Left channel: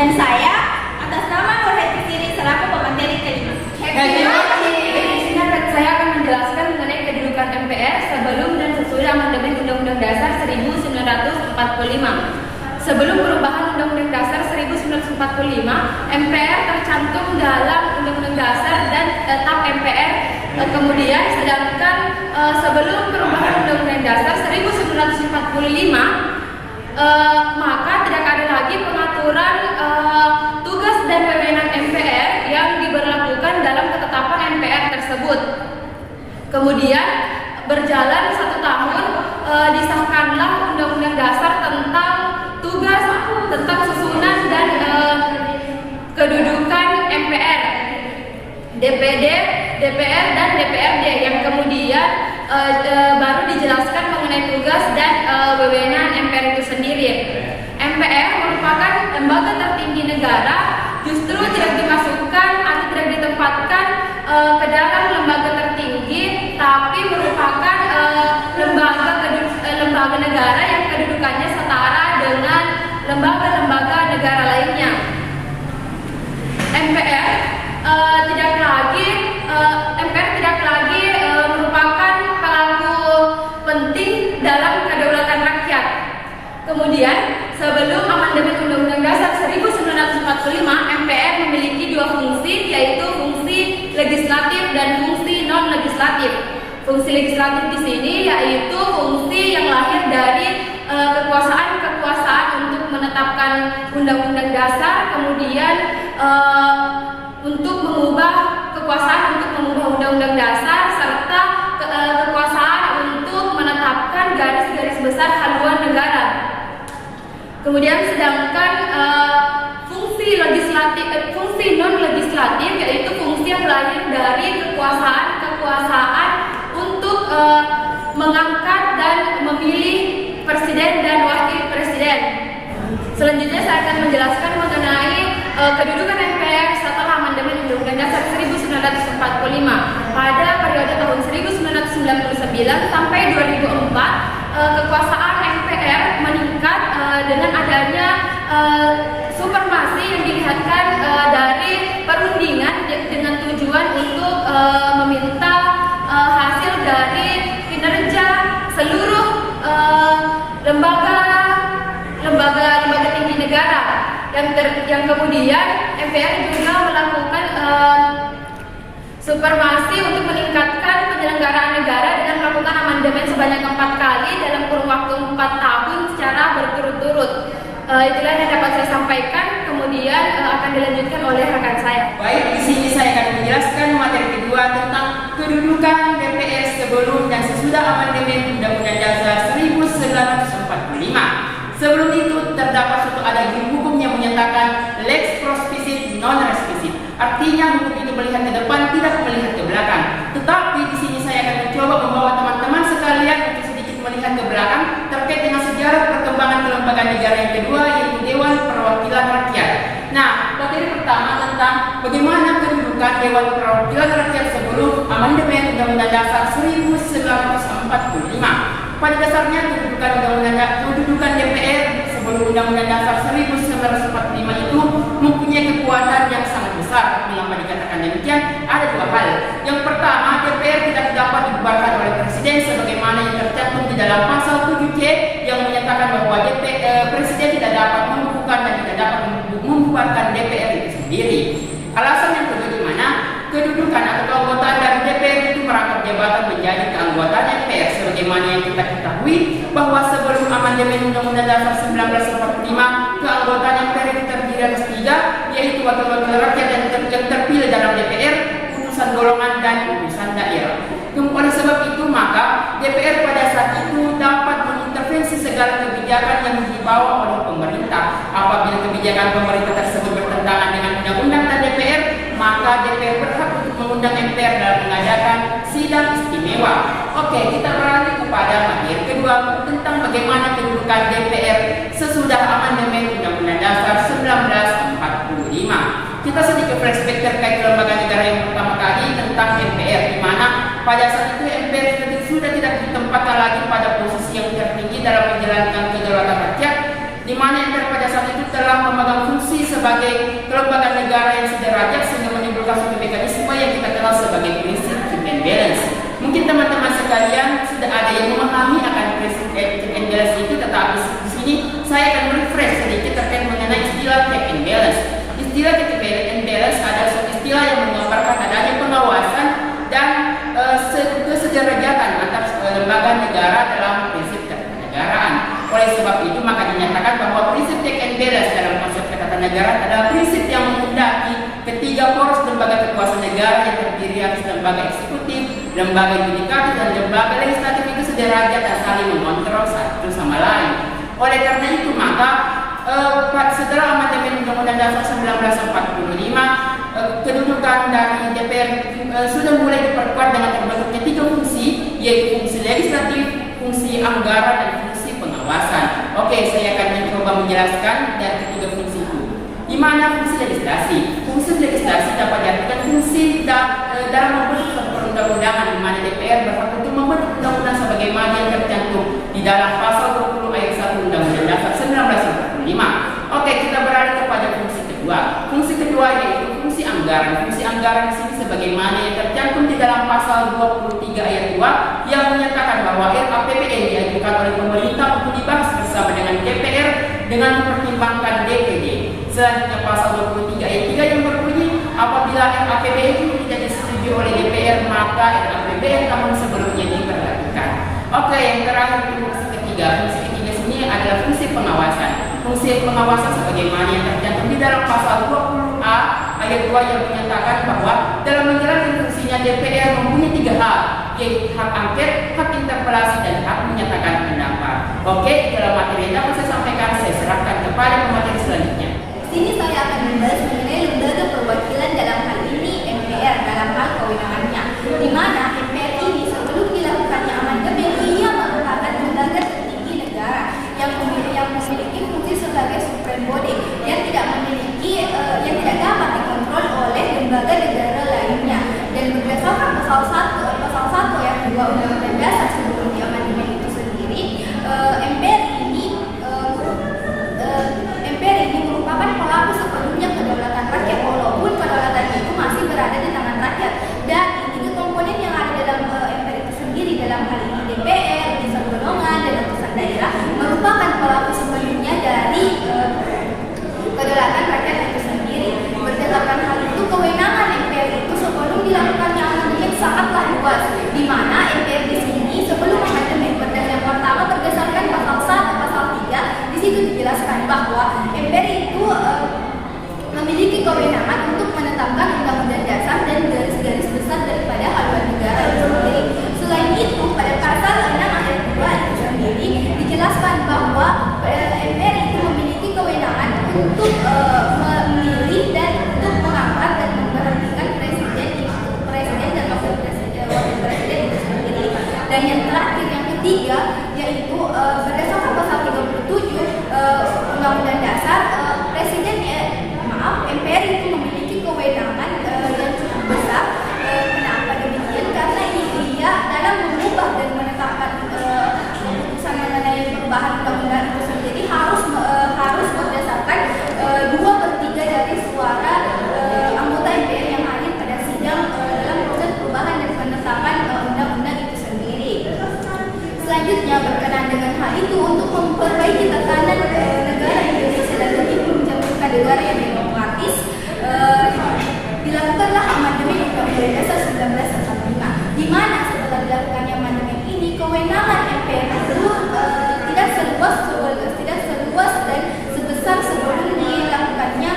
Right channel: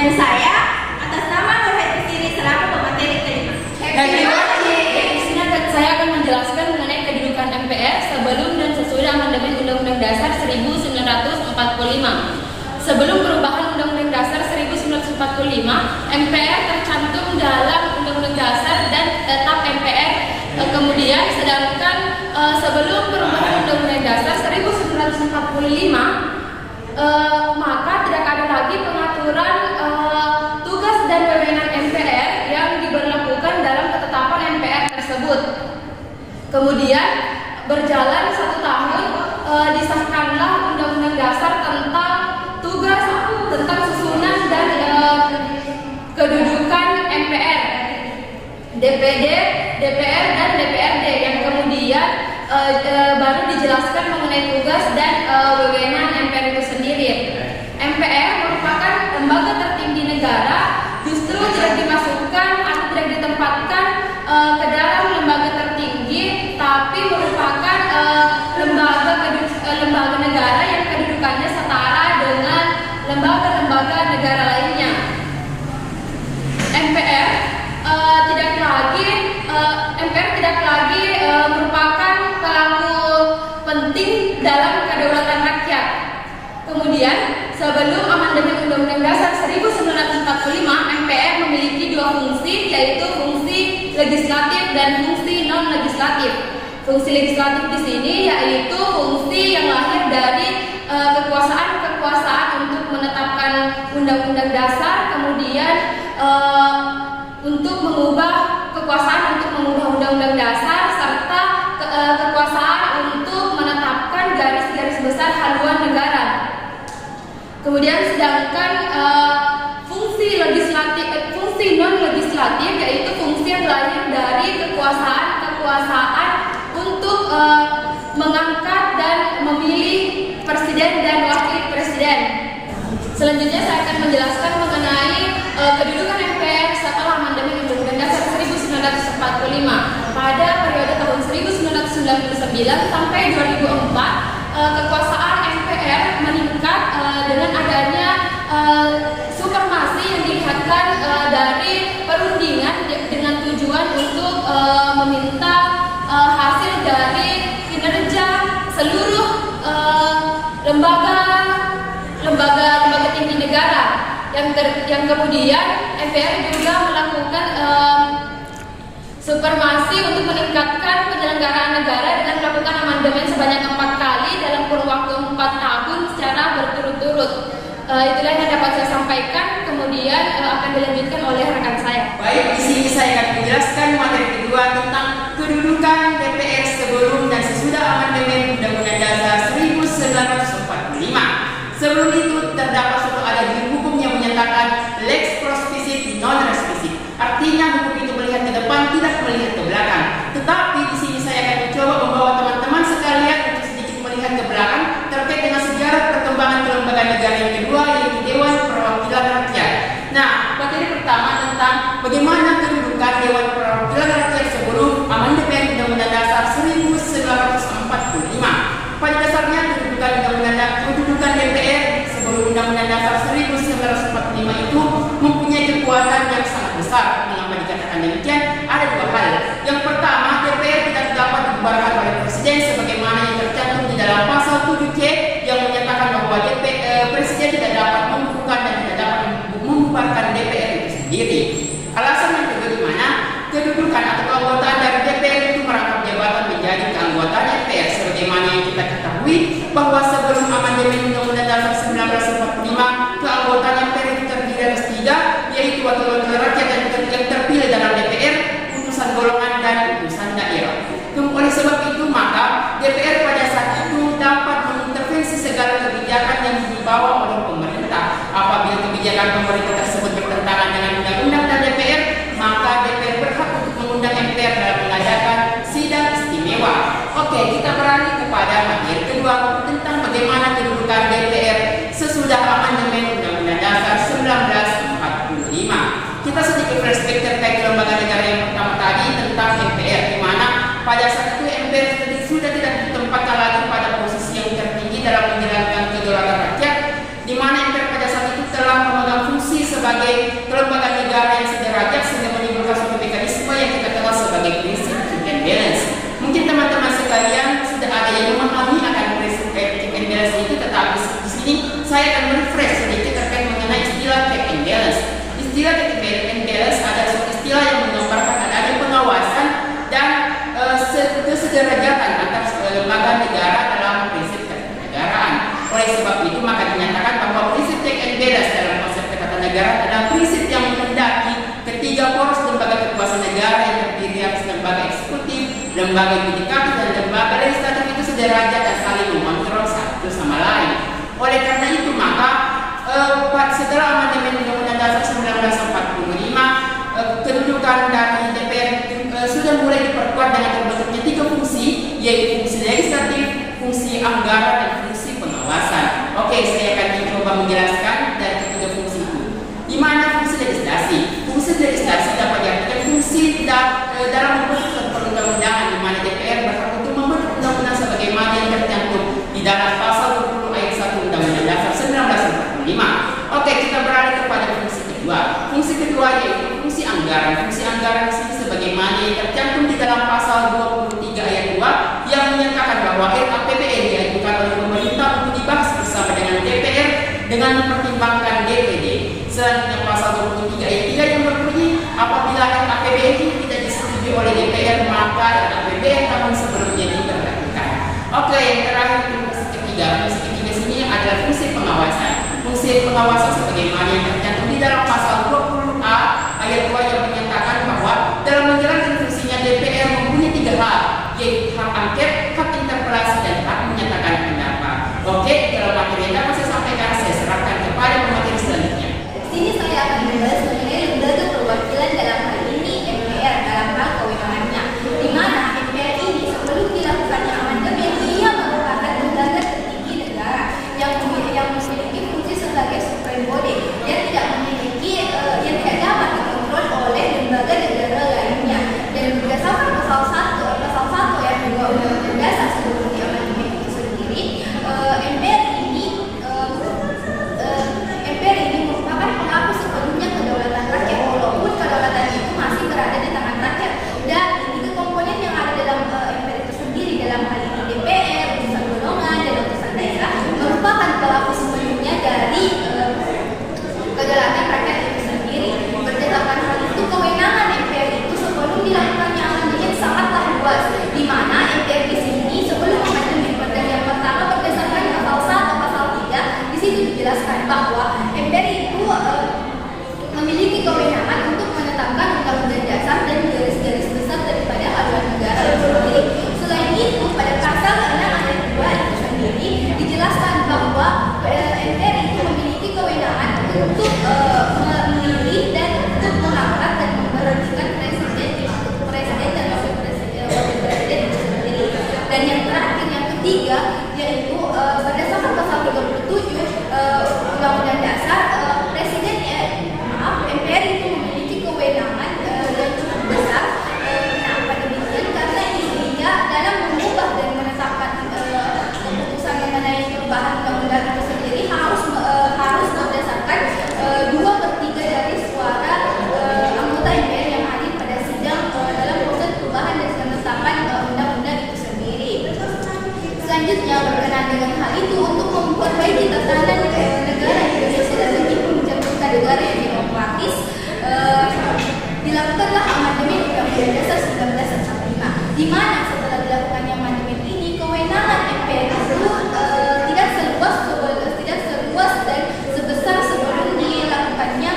Dan saya atas nama Nurhayati Siri selaku pemateri kelima. Happy watching. Di sini saya akan menjelaskan mengenai kedudukan MPR sebelum dan sesudah amandemen Undang-Undang Dasar 1945. Sebelum perubahan Undang-Undang Dasar 1945, MPR tercantum dalam Undang-Undang Dasar dan tetap MPR. Kemudian sedangkan sebelum perubahan Undang-Undang Dasar 1945, maka tidak ada lagi pengaturan tugas dan wewenang MPR yang diberlakukan dalam ketetapan MPR tersebut. Kemudian berjalan 1 tahun, disahkanlah Undang-Undang Dasar tentang tugas, tentang susunan dan kedudukan MPR, DPD, DPR dan DPRD, yang kemudian baru dijelaskan mengenai tugas dan wewenang MPR itu sendiri. MPR merupakan lembaga tertinggi negara, justru tidak dimasukkan atau tidak ditempatkan ke dalam lembaga tertinggi, tapi merupakan lembaga negara yang kedudukannya setara dengan lembaga-lembaga negara lainnya. MPR tidak lagi merupakan pelaku penting dalam kedaulatan rakyat. Kemudian, sebelum amandemen Undang-Undang Dasar 1945, MPR memiliki 2 fungsi, yaitu fungsi legislatif dan fungsi non-legislatif. Fungsi legislatif di sini yaitu fungsi yang lahir dari kekuasaan untuk menetapkan Undang-Undang Dasar, kemudian untuk mengubah Undang-Undang Dasar, serta kekuasaan untuk menetapkan garis-garis besar haluan negara. Kemudian sedangkan fungsi non-legislatif yaitu fungsi yang lahir dari kekuasaan untuk mengangkat dan memilih presiden dan wakil presiden. Selanjutnya saya akan menjelaskan mengenai kedudukan MPR setelah amandemen Undang-Undang Dasar 1945. Pada periode tahun 1999 sampai 2004, kekuasaan MPR meningkat dengan adanya supremasi yang dilihatkan dari perundingan dengan tujuan untuk meminta hasil dari kinerja seluruh lembaga tinggi negara, yang kemudian MPR juga melakukan supremasi untuk meningkatkan penyelenggaraan negara dengan melakukan amandemen sebanyak 4 kali dalam kurun waktu 4 tahun secara berturut-turut. Itulah yang dapat saya sampaikan, kemudian akan dilanjutkan oleh rekan saya. Baik, di sini saya akan menjelaskan materi kedua tentang kedudukan DPR sebelum dan sesudah amandemen Undang-Undang Dasar 1945. Sebelum itu terdapat suatu adendum hukum yang menyatakan lex prospicit non respisit. Artinya hukum itu melihat ke depan, tidak melihat ke belakang. Tetapi di sini saya akan mencoba membawa teman-teman sekalian untuk sedikit melihat ke belakang terkait dengan sejarah perkembangan kelembagaan negara yang kedua, yaitu Dewan Perwakilan Rakyat. Nah, materi pertama tentang bagaimana kedudukan Dewan Perwakilan Rakyat sebelum amandemen Undang-Undang Dasar 1945. Pada dasarnya kedudukan DPR sebelum Undang-Undang Dasar 1945 itu mempunyai kekuatan yang sangat besar. Mengapa dikatakan demikian? Ada 2 hal. Yang pertama, DPR tidak dapat dibubarkan oleh Presiden sebagaimana yang tercantum di dalam pasal 7C yang menyatakan bahwa Presiden tidak dapat membubarkan dan tidak dapat membubarkan DPR itu sendiri. Alasan yang kedua, di mana kedudukan atau keanggotaan dari DPR itu merangkap jabatan menjadi keanggotaan MPR, sebagaimana yang kita ketahui bahwa sebelum amandemen Undang-Undang Dasar 1945, keanggotaan MPR itu terdiri atas 3, yaitu wakil-wakil rakyat yang terpilih dalam DPR, utusan golongan dan utusan daerah. Oleh sebab itu, maka DPR pada saat itu dapat mengintervensi segala kebijakan yang dibawa oleh pemerintah. Apabila kebijakan pemerintah tersebut bertentangan dengan undang-undang dan DPR, maka DPR berhak untuk mengundang MPR dalam mengadakan sidang istimewa. Oke, kita beralih kepada materi kedua tentang bagaimana kedudukan DPR sesudah amandemen Undang-Undang Dasar 1945. Kita sedikit flashback terkait lembaga negara yang pertama tadi tentang MPR, di mana pada saat itu MPR sudah tidak ditempatkan lagi pada posisi yang tertinggi dalam menjalankan kedaulatan rakyat, di mana MPR pada saat itu telah memegang fungsi sebagai kelembagaan negara yang sederajat sehingga menimbulkan suatu mekanisme yang kita kenal sebagai prinsip check and balance. Mungkin teman-teman sekalian sudah ada yang memahami akan prinsip check and balance itu, tetapi di sini saya akan refresh sedikit terkait mengenai istilah check and balance. Istilah check and balance adalah suatu istilah yang menggambarkan adanya pengawasan dan kesederajatan antar lembaga negara dalam prinsip ketatanegaraan. Oleh sebab itu maka dinyatakan bahwa prinsip check and balance dalam konsep ketatanegaraan adalah prinsip yang menghendaki ketiga poros lembaga kekuasaan negara yang terdiri atas lembaga eksekutif, lembaga yudikatif, dan lembaga legislatif itu sederajat dan saling mengontrol satu sama lain. Oleh karena itu maka setelah amandemen Undang-Undang Dasar 1945, kedudukan dari DPR sudah mulai diperkuat dengan terbentuknya tiga fungsi, yaitu fungsi legislatif, fungsi anggaran, dan fungsi pengawasan. Oke, saya akan mencoba menjelaskan dari ketiga fungsi itu. Di mana fungsi legislasi? Fungsi legislasi dapat diartikan fungsi dalam membentuk suatu perundang-undangan, di mana DPR berhak untuk membentuk undang-undang sebagaimana yang tercantum di dalam pasal 20 ayat 1 Undang-Undang Dasar 1945. Oke, kita beralih kepada fungsi kedua. Fungsi kedua yaitu fungsi anggaran. Fungsi anggaran di sini sebagaimana yang tercantum di dalam pasal 23 ayat 2 yang menyatakan bahwa RAPBN diajukan oleh pemerintah untuk dibahas bersama dengan DPR dengan mempertimbangkan DPD. Selanjutnya pasal 23 ayat 3 yang berbunyi apabila RAPBN tidak disetujui oleh DPR maka RAPBN tahun sebelumnya diberlakukan. Oke, yang terakhir fungsi ketiga. Fungsi ketiga sini adalah fungsi pengawasan. Fungsi pengawasan sebagaimana yang tercantum di dalam pasal 20A ayat 2 yang menyatakan bahwa dalam menjalankan fungsinya DPR mempunyai tiga hak, yaitu hak angket, hak interpelasi, dan hak menyatakan pendapat. Oke, dalam materi yang dapat saya sampaikan, saya serahkan kepada pemateri selanjutnya. Di sini saya akan membahas mengenai lembaga perwakilan dalam hal ini MPR dalam hal kewenangannya, di mana MPR ini sebelum dilakukannya amandemen ia merupakan lembaga tertinggi negara yang memiliki fungsi sebagai supreme body yang tidak dapat dikontrol oleh lembaga negara lainnya. Dan berdasarkan pasal 1 ayat 2 Undang-Undang Dasar sebelum diamandemen itu sendiri, MPR ini merupakan pelaku sepenuhnya kedaulatan rakyat, walaupun kedaulatan itu masih berada di tangan rakyat. Dan tiga komponen yang ada dalam MPR itu sendiri, dalam hal ini DPR, utusan golongan, dan utusan daerah, merupakan pelaku sepenuhnya dari kedaulatan rakyat itu sendiri. Berdasarkan hal itu, kewenangan MPR itu sebelum dilakukannya amandemen sangatlah luas, di mana MPR di sini sebelum amandemen yang pertama berdasarkan pasal 1, pasal 3, di situ dijelaskan bahwa MPR itu memiliki kewenangan untuk menetapkan undang-undang dasar dan garis-garis besar daripada haluan negara itu sendiri. Selain itu, pada pasal 6 ayat 2 itu sendiri dijelaskan bahwa MPR itu memiliki kewenangan untuk memilih dan untuk mengangkat dan memberhentikan presiden dan wakil presiden itu sendiri. Dan yang terakhir, yang ketiga, yaitu berdasarkan pasal 37 Undang-Undang Dasar, MPR itu memiliki kewenangan yang cukup besar. Kenapa demikian? Karena ia dalam mengubah dan menetapkan keputusan mengenai perubahan undang-undang itu sendiri harus berdasarkan 2/3 dari suara anggota MPR yang hadir pada sidang dalam proses perubahan dan penetapan undang-undang itu sendiri. Selanjutnya, berkenaan dengan hal itu, untuk memperbaiki tatanan negara Indonesia dan lebih mencantumkan negara yang demokratis, dilakukanlah amandemen Undang-Undang Dasar 1945, di mana setelah dilakukannya amandemen ini, kewenangan MPR itu tidak seluas dan sebesar sebelum dilakukannya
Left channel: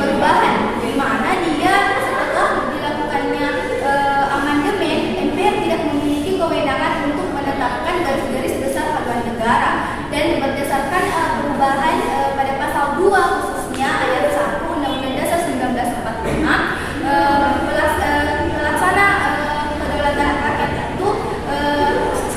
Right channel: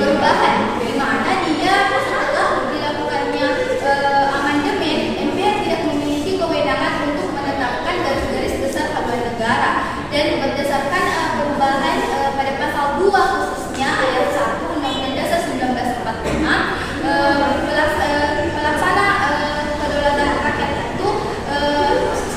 perubahan, di mana dia setelah dilakukannya amandemen, MPR tidak memiliki kewenangan untuk menetapkan garis-garis besar haluan negara. Dan berdasarkan perubahan pada pasal 2 khususnya ayat 1 Undang-Undang Dasar 1945, pelaksana kedaulatan rakyat itu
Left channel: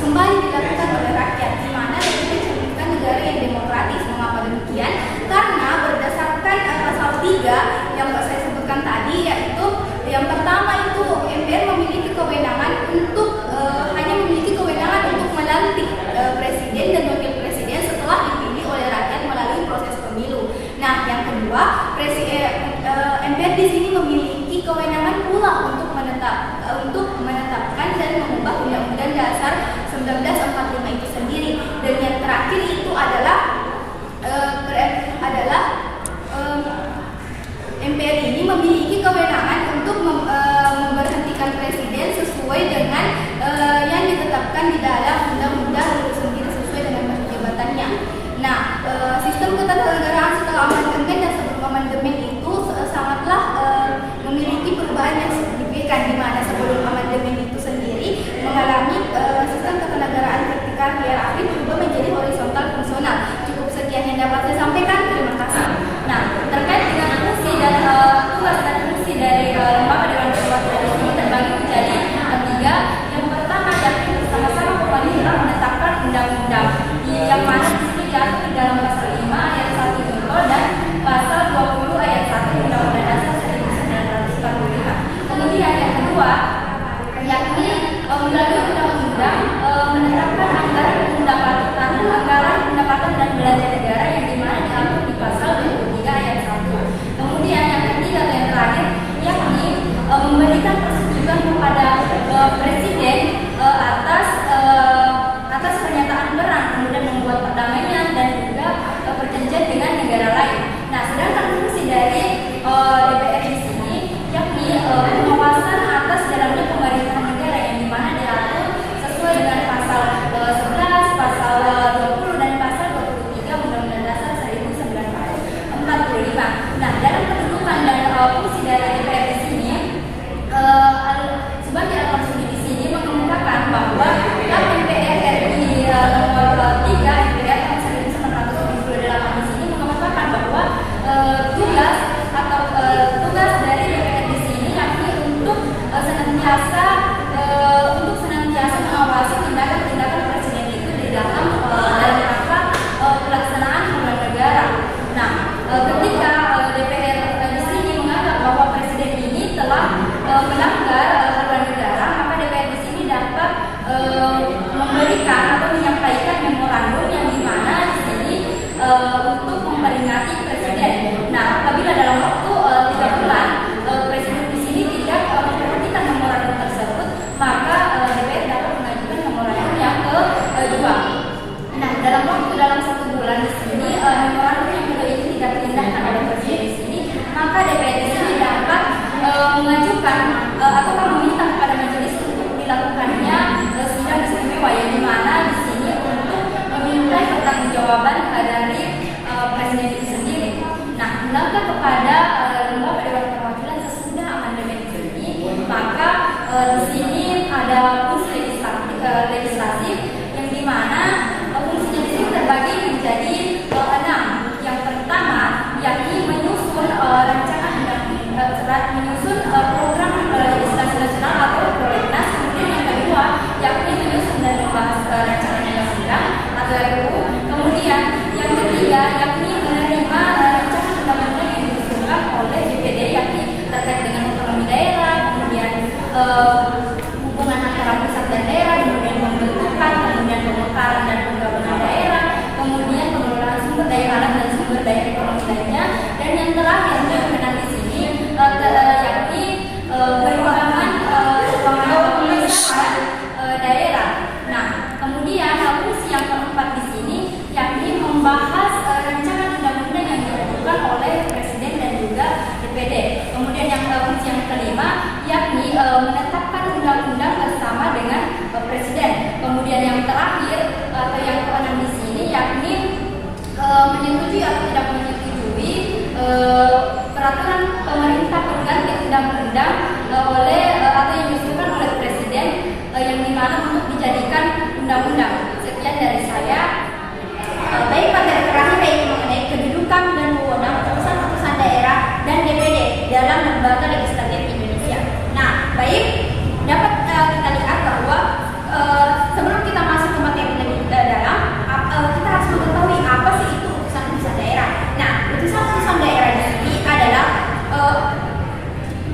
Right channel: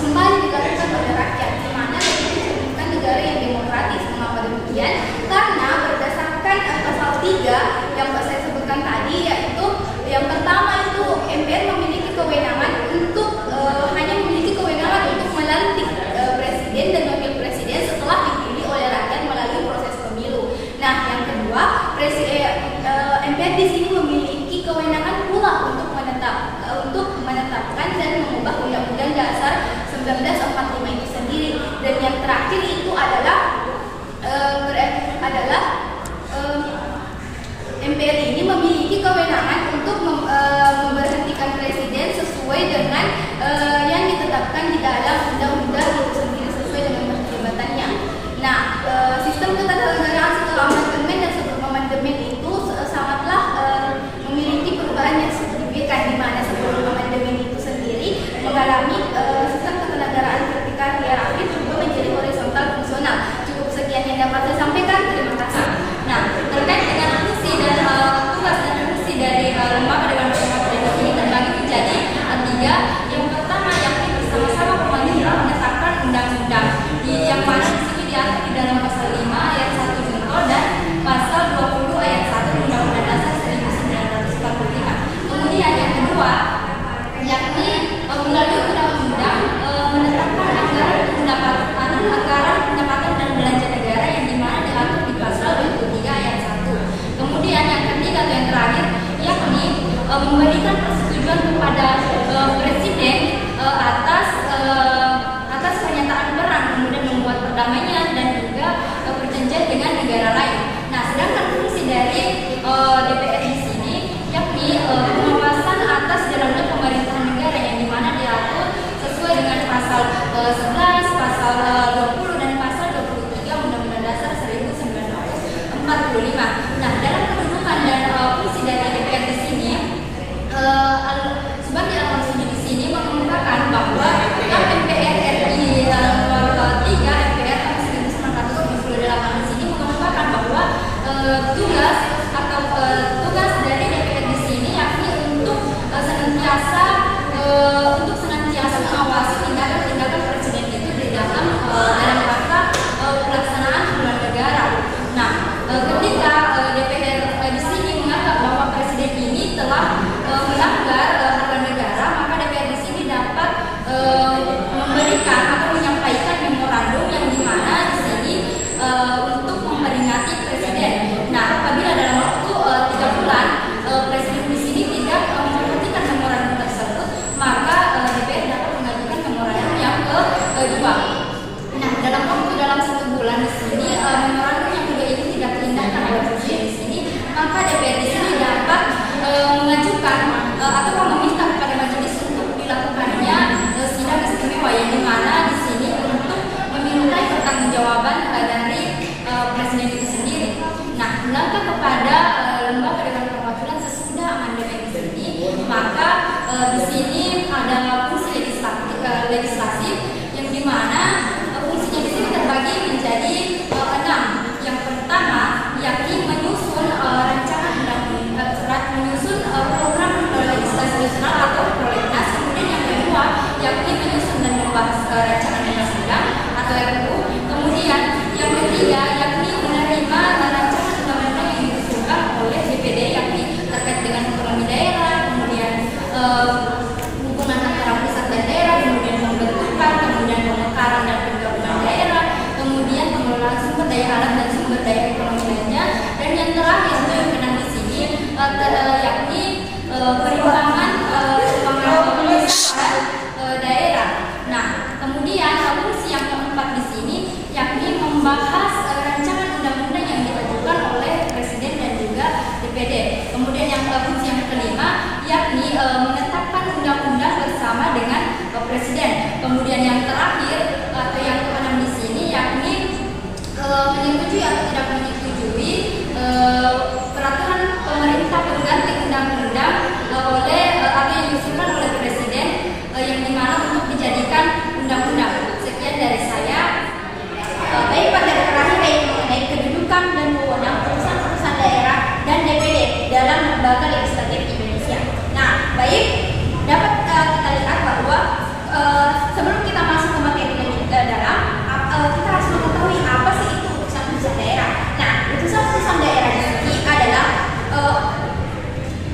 kembali dilakukan oleh rakyat, di mana lebih disebutkan negara yang demokratis. Mengapa demikian? Karena berdasarkan pasal 3 yang saya sebutkan tadi, yaitu yang pertama itu MPR memiliki kewenangan untuk hanya memiliki kewenangan untuk melantik presiden dan wakil presiden setelah dipilih oleh rakyat melalui proses pemilu. MPR di sini memiliki kewenangan pula untuk menetapkan dan mengubah Undang-Undang Dasar 1945 itu sendiri. Dan yang terakhir itu adalah MPR ini memiliki kewenangan untuk memberhentikan presiden sesuai dengan yang ditetapkan di dalam undang-undang itu sendiri sesuai dengan masa jabatannya. Nah, sistem ketatanegaraan setelah amandemen dan sebelum amandemen itu sangatlah memiliki perubahan yang signifikan, di mana sebelum amandemen itu sendiri mengalami sistem ketatanegaraan vertikal hierarki berubah menjadi horizontal fungsional. Cukup sekian yang dapat saya sampaikan. Terima kasih. Nah, terkait dengan fungsi dan tugas dan fungsi dari lembaga Dewan Perwakilan ini terbagi menjadi tiga. Yang pertama yakni bersama-sama pemanggilan menetapkan undang-undang, yang mana di sini diatur di dalam pasal 5 ayat 1 jungkol dan pasal 20 ayat 1 Undang-Undang Dasar 1945. Kemudian yang kedua yakni melalui undang-undang menetapkan anggaran pendapatan dan belanja negara yang dimana diatur di pasal 23 ayat 1. Kemudian yang ketiga atau yang terakhir yakni memberikan persetujuan kepada presiden atas pernyataan perang, kemudian membuat perdamaian dan juga perjanjian dengan negara lain. Nah, sedangkan fungsi dari DPR di sini yakni pengawasan atas jalannya pemerintahan negara yang dimana diatur sesuai dengan pasal 11, pasal 20 dan pasal 23 Undang-Undang Dasar 1945. Nah, dalam kedudukan dan fungsi dari DPR di sini, Subandi Al-Marsudi di sini mengemukakan bahwa MPR RI nomor 3 MPR tahun 1978 di sini mengemukakan bahwa tugas dari DPR di sini yakni untuk senantiasa mengawasi tindakan presiden itu di dalam rangka pelaksanaan haluan negara. Nah, ketika DPR di sini menganggap bahwa presiden ini telah melanggar haluan negara, maka DPR di sini dapat memberikan atau menyampaikan memorandum yang dimana di sini untuk memperingati presiden. Nah, apabila dalam waktu 3 bulan presiden di sini tidak memperhatikan memorandum tersebut, maka DPR dapat mengajukan memorandum yang kedua. Nah, dalam 1 bulan di sini memorandum yang kedua ini tidak diindahkan oleh presiden di sini, maka DPR di sini dapat mengajukan ataukah meminta kepada majelis untuk dilakukannya sidang istimewa yang dimana di sini untuk memintai pertanggungjawaban dari presiden itu sendiri. Nah, melangkah kepada lembaga Dewan Perwakilan sesudah amandemen ini, maka di sini ada fungsi legislatif yang dimana fungsinya di sini terbagi menjadi 6. Yang pertama yakni menyusun rancangan menyusun program legislasi nasional atau prolegnas. Kemudian yang kedua yakni menyusun dan membahas rancangan undang-undang atau RUU. Kemudian yang ketiga yakni menerima rancangan undang-undang yang diusulkan oleh DPD yakni terkait dengan otonomi daerah, kemudian hubungan antara pusat dan daerah, kemudian pembentukan, kemudian pemekaran dan penggabungan daerah, kemudian pengelolaan sumber daya alam dan sumber daya ekonomi lainnya, dan yang terakhir yang menang di sini yakni perimbangan pemerintahan daerah. Nah, kemudian fungsi yang keempat di sini yakni membahas rancangan undang-undang yang diajukan oleh presiden dan juga DPD. Kemudian yang fungsi yang kelima yakni menetapkan undang-undang bersama dengan presiden. Kemudian yang terakhir atau yang keenam di sini yakni menyetujui atau tidak menyetujui peraturan pemerintah pengganti undang-undang oleh atau yang diusulkan oleh presiden yang dimana untuk dijadikan undang-undang. Sekian dari saya. Baik, pada terakhir yaitu mengenai kedudukan dan wewenang urusan-urusan daerah dan DPD dalam lembaga legislatif Indonesia. Nah, baik, dapat kita lihat bahwa sebelum kita masuk ke materi lebih dalam, kita harus mengetahui apa sih itu urusan-urusan daerah. Nah, urusan-urusan daerah di sini adalah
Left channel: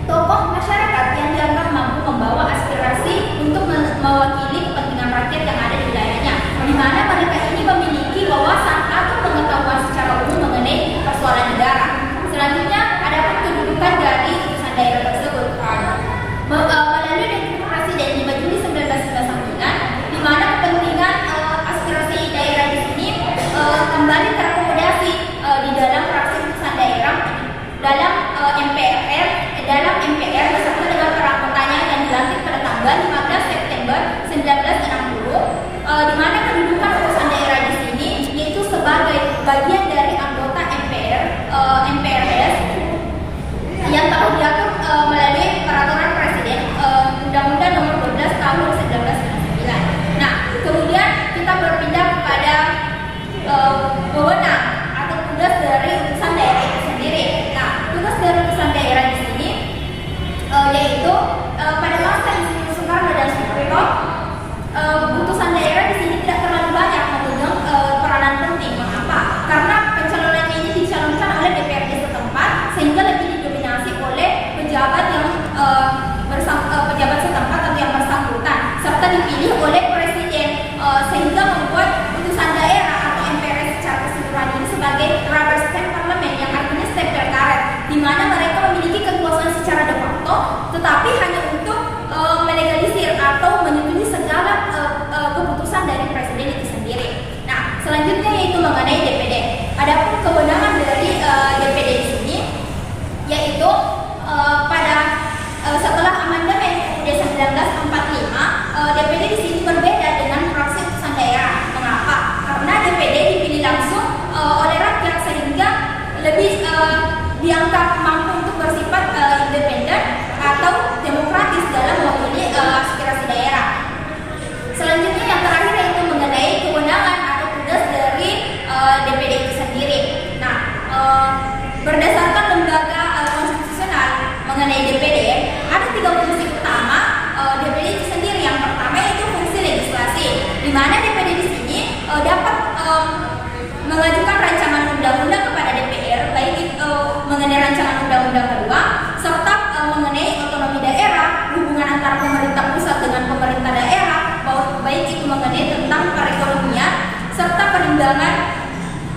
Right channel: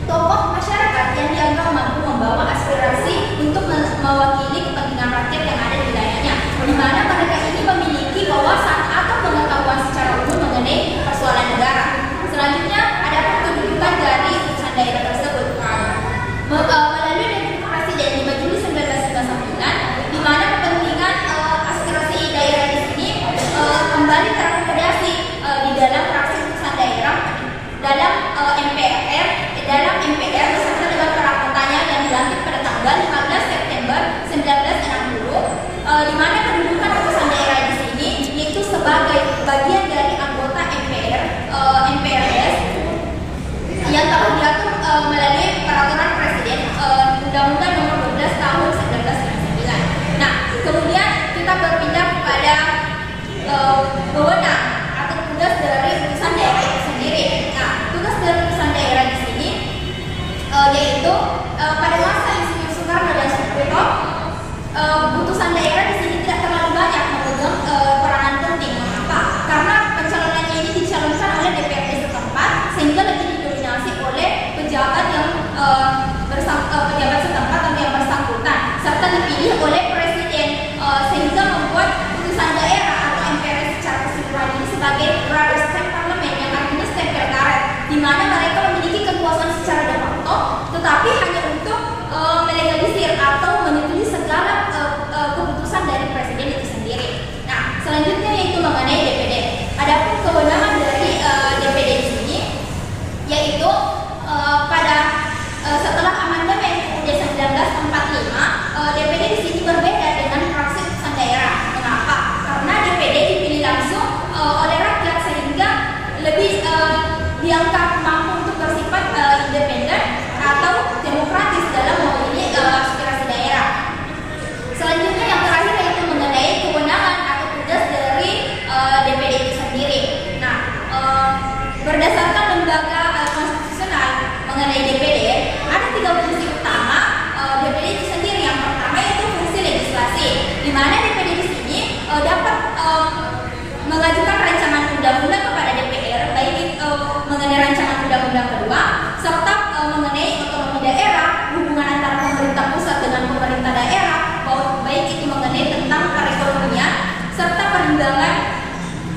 tokoh masyarakat yang dianggap mampu membawa aspirasi untuk mewakili kepentingan rakyat yang ada di wilayahnya, di mana mereka ini memiliki wawasan atau pengetahuan secara umum mengenai persoalan negara. Selanjutnya ada kedudukan dari wewenang atau tugas dari utusan daerah itu sendiri. Nah, tugas dari utusan daerah di sini yaitu pada masa Insinyur Soekarno dan Soeharto, utusan daerah di sini tidak terlalu banyak memegang peranan penting. Mengapa? Karena pencalonannya ini dicalonkan oleh DPRD setempat, sehingga lebih didominasi oleh pejabat yang pejabat setempat atau yang bersangkutan, serta dipilih oleh presiden, sehingga membuat utusan daerah atau MPR secara keseluruhan ini sebagai rubber stamp parlemen, yang artinya stempel karet, di mana mereka memiliki kekuasaan secara de facto, tetapi hanya untuk melegalisir atau menyetujui segala keputusan dari presiden itu sendiri. Nah, selanjutnya yaitu mengenai DPD. Adapun kewenangan dari DPD di sini yaitu pada setelah amandemen UUD 1945, DPD di sini berbeda dengan fraksi utusan daerah. Mengapa? Karena DPD dipilih langsung oleh rakyat, sehingga lebih dianggap mampu untuk bersifat independen atau demokratis dalam mewakili aspirasi daerah. Selanjutnya yang terakhir yaitu mengenai kewenangan atau tugas dari DPD itu sendiri. Nah, berdasarkan lembaga konstitusional mengenai DPD, ada 3 fungsi utama DPD itu sendiri. Yang pertama yaitu fungsi legislasi, di mana DPD di sini dapat mengajukan rancangan undang-undang kepada DPR, baik itu mengenai rancangan undang-undang kedua, serta mengenai otonomi daerah, hubungan antara pemerintah pusat dengan pemerintah daerah, baik itu mengenai tentang perekonomian serta perimbangan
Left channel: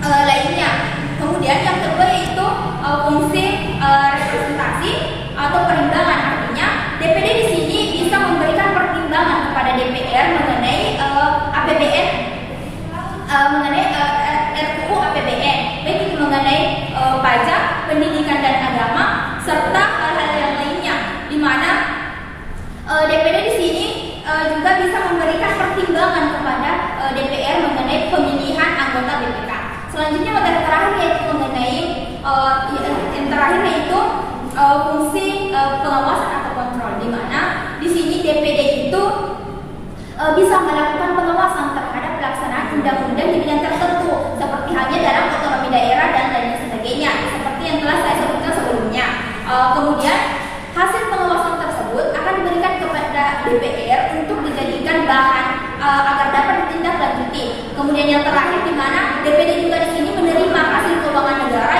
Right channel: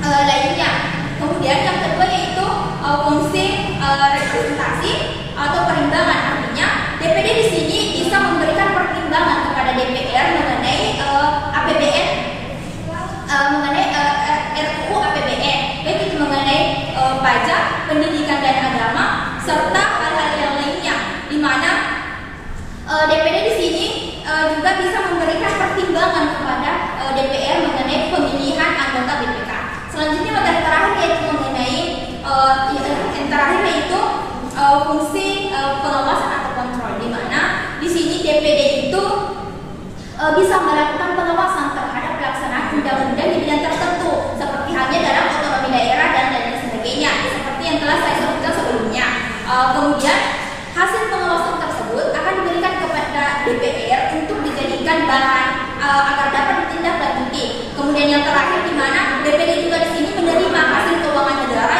lainnya. Kemudian yang kedua yaitu fungsi representasi atau perimbangan, artinya DPD di sini bisa memberikan pertimbangan kepada DPR mengenai APBN, mengenai RUU APBN, baik itu mengenai pajak, pendidikan dan agama, serta hal-hal yang lainnya, di mana DPD di sini juga bisa memberikan pertimbangan kepada DPR mengenai pemilihan anggota BPK. Selanjutnya materi terakhir yaitu mengenai yang terakhir yaitu fungsi pengawasan atau kontrol, di mana di sini DPD itu bisa melakukan pengawasan terhadap pelaksanaan undang-undang di bidang tertentu, seperti halnya dalam otonomi daerah dan lain sebagainya, seperti yang telah saya sebutkan sebelumnya. Kemudian hasil pengawasan tersebut akan diberikan kepada DPR untuk dijadikan bahan agar dapat ditindaklanjuti. Kemudian yang terakhir, di mana DPD juga di sini menerima hasil keuangan negara